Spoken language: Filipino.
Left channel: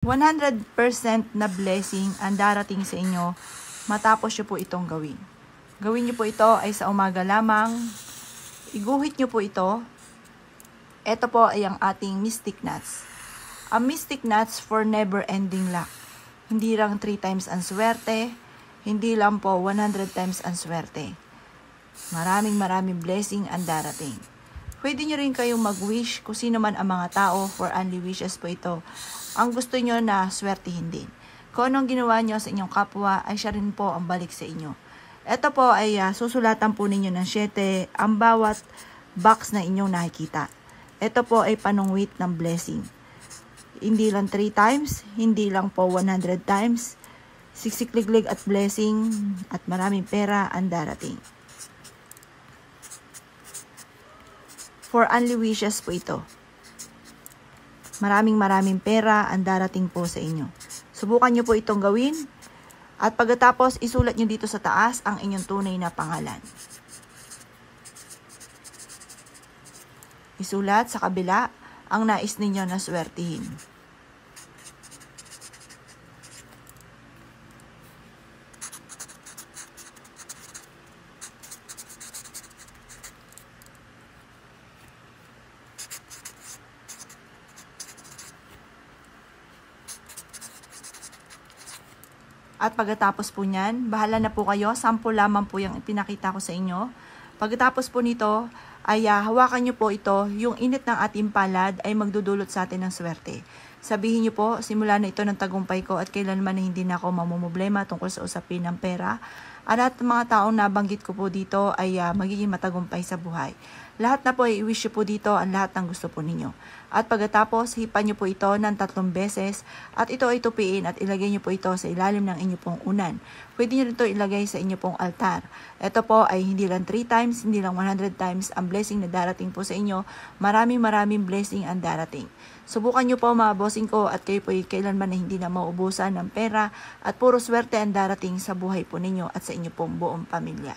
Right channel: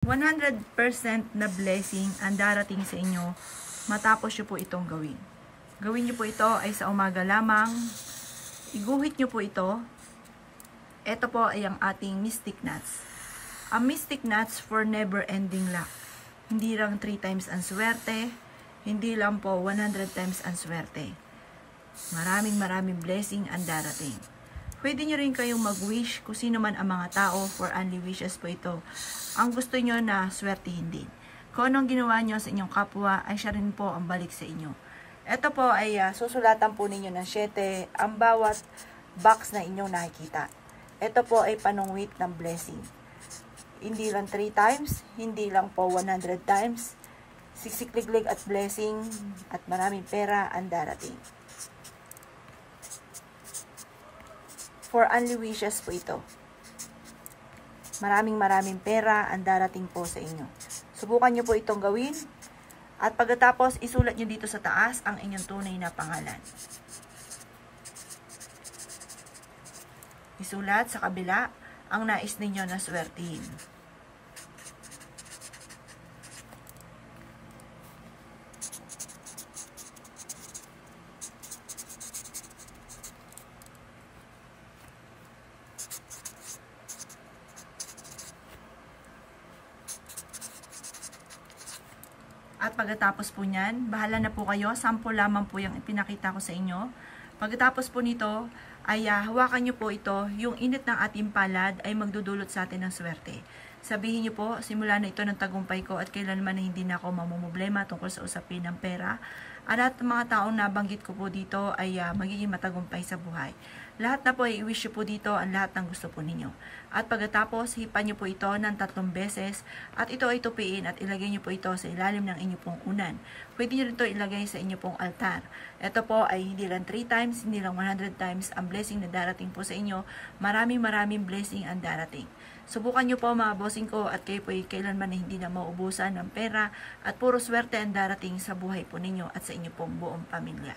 100% na blessing ang darating sa inyo matapos nyo po itong gawin. Gawin nyo po ito ay sa umaga lamang. Iguhit nyo po ito. Ito po ay ang ating mystic nuts. Ang mystic nuts for never ending luck. Hindi lang 3 times ang swerte. Hindi lang po 100 times ang swerte. Maraming blessing ang darating. Pwede nyo rin kayong mag-wish kung sino man ang mga tao, for only wishes po ito. Ang gusto nyo na swertihin din. Kung anong ginawa nyo sa inyong kapwa, ay siya rin po ang balik sa inyo. Ito po ay susulatan po ninyo ng 7 ang bawat box na inyong nakikita. Ito po ay panungwit ng blessing. Hindi lang 3 times, hindi lang po 100 times. Siksikliglig at blessing at maraming pera ang darating. For only wishes po ito. Maraming pera ang darating po sa inyo. Subukan nyo po itong gawin. At pagkatapos, isulat nyo dito sa taas ang inyong tunay na pangalan. Isulat sa kabila ang nais ninyo na swertihin. At pagkatapos po niyan, bahala na po kayo. Sample lamang po yung pinakita ko sa inyo. Pagkatapos po nito, ay hawakan nyo po ito. Yung init ng ating palad ay magdudulot sa atin ng swerte. Sabihin nyo po, simula na ito ng tagumpay ko at kailanman na hindi na ako mamumblema tungkol sa usapin ng pera. At mga taong nabanggit ko po dito ay magiging matagumpay sa buhay. Lahat na po ay i-wish nyo po dito ang lahat ng gusto po ninyo. At pagkatapos, hipan nyo po ito ng 3 beses at ito ay tupiin at ilagay nyo po ito sa ilalim ng inyong pong unan. Pwede nyo rin ito ilagay sa inyong pong altar. Ito po ay hindi lang 3 times, hindi lang 100 times ang blessing na darating po sa inyo. Maraming blessing ang darating. Subukan nyo po mga bossing ko at kayo po ay kailanman na hindi na maubusan ng pera at puro swerte ang darating sa buhay po ninyo at sa inyong pong buong pamilya.